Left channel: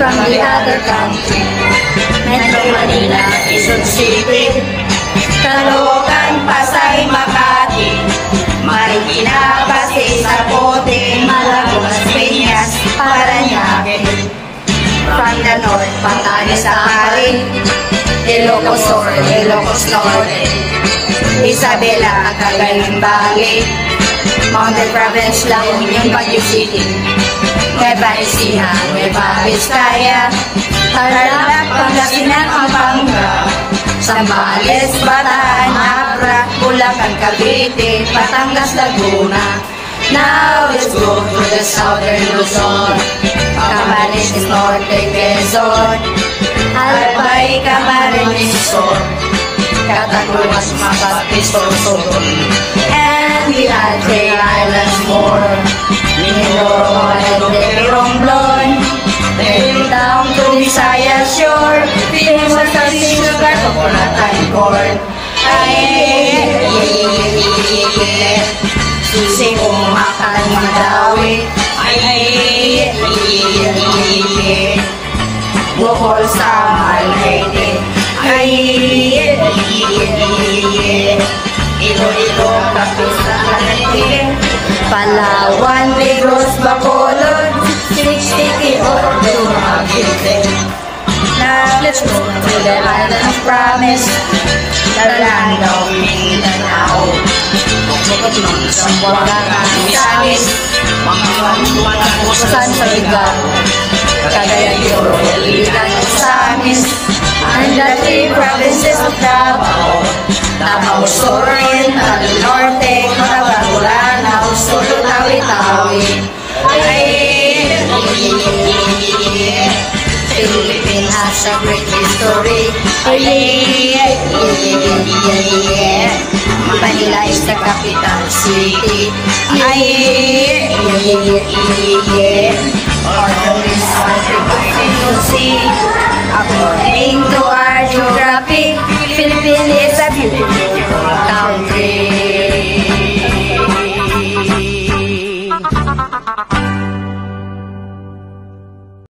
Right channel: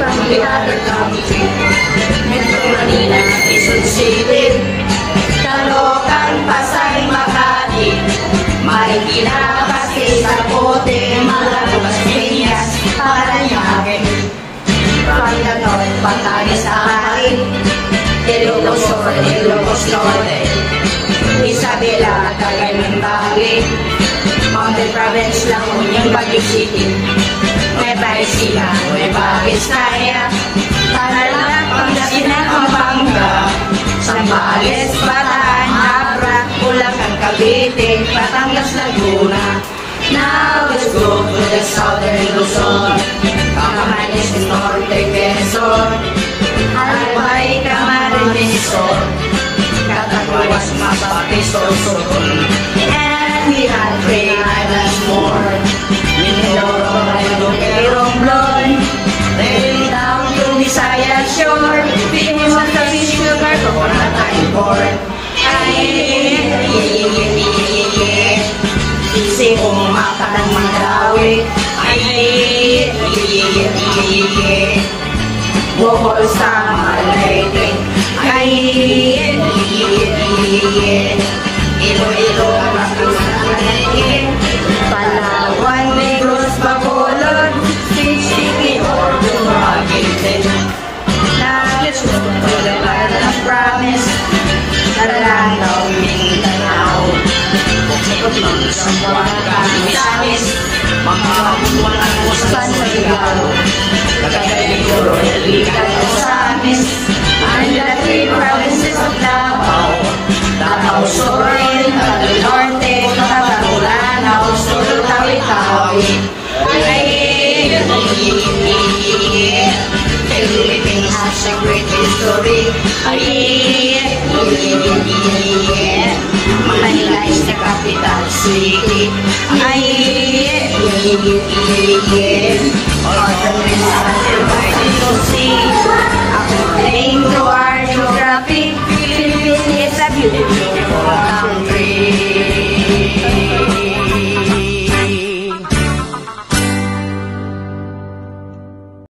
from the other country. Metro Manila, Quezon City, Caloocan, Pasay, Makati, Marikina, Pasay, Zapote, Malagos, Piñas, Parañaque. From the north, Batanes, Akari, Ilocos Sur, Ilocos Norte, Isabela, Cagayan Valley, Mountain Province, La Union, Baguio City, Nueva Ecija, Nueva Vizcaya, Tarlac, Pangasinan, Pampanga, Zambales, Bataan, Abra, Bulacan, Cavite, Batangas, Laguna. Now let's go to the southern Luzon, Camarines Norte, Quezon, Albay, Camarines Sur, Catanduanes, Masbate, Sorsogon, and we had 3 islands more. Mindoro, Toledo, Romblon, then down to Visayas shore, famous as the sugar, coconut and corn. Susi umaka ng Mandawi, Bohol sa Malete, Iloilo, Palawan, Negros, Bacolod, 60 or Dumaguete. Now let's go to the land of promise, the land of Mindanao. Sambuanga, Misamis, Mamawatuan at San Sarigao, Cagayan de Oro, Iligan at Samis, and the 3 provinces of Davao, Davao Sur, Del Norte, Cabanaturan, Sur, Tawi-Tawi. Philippines has a great history.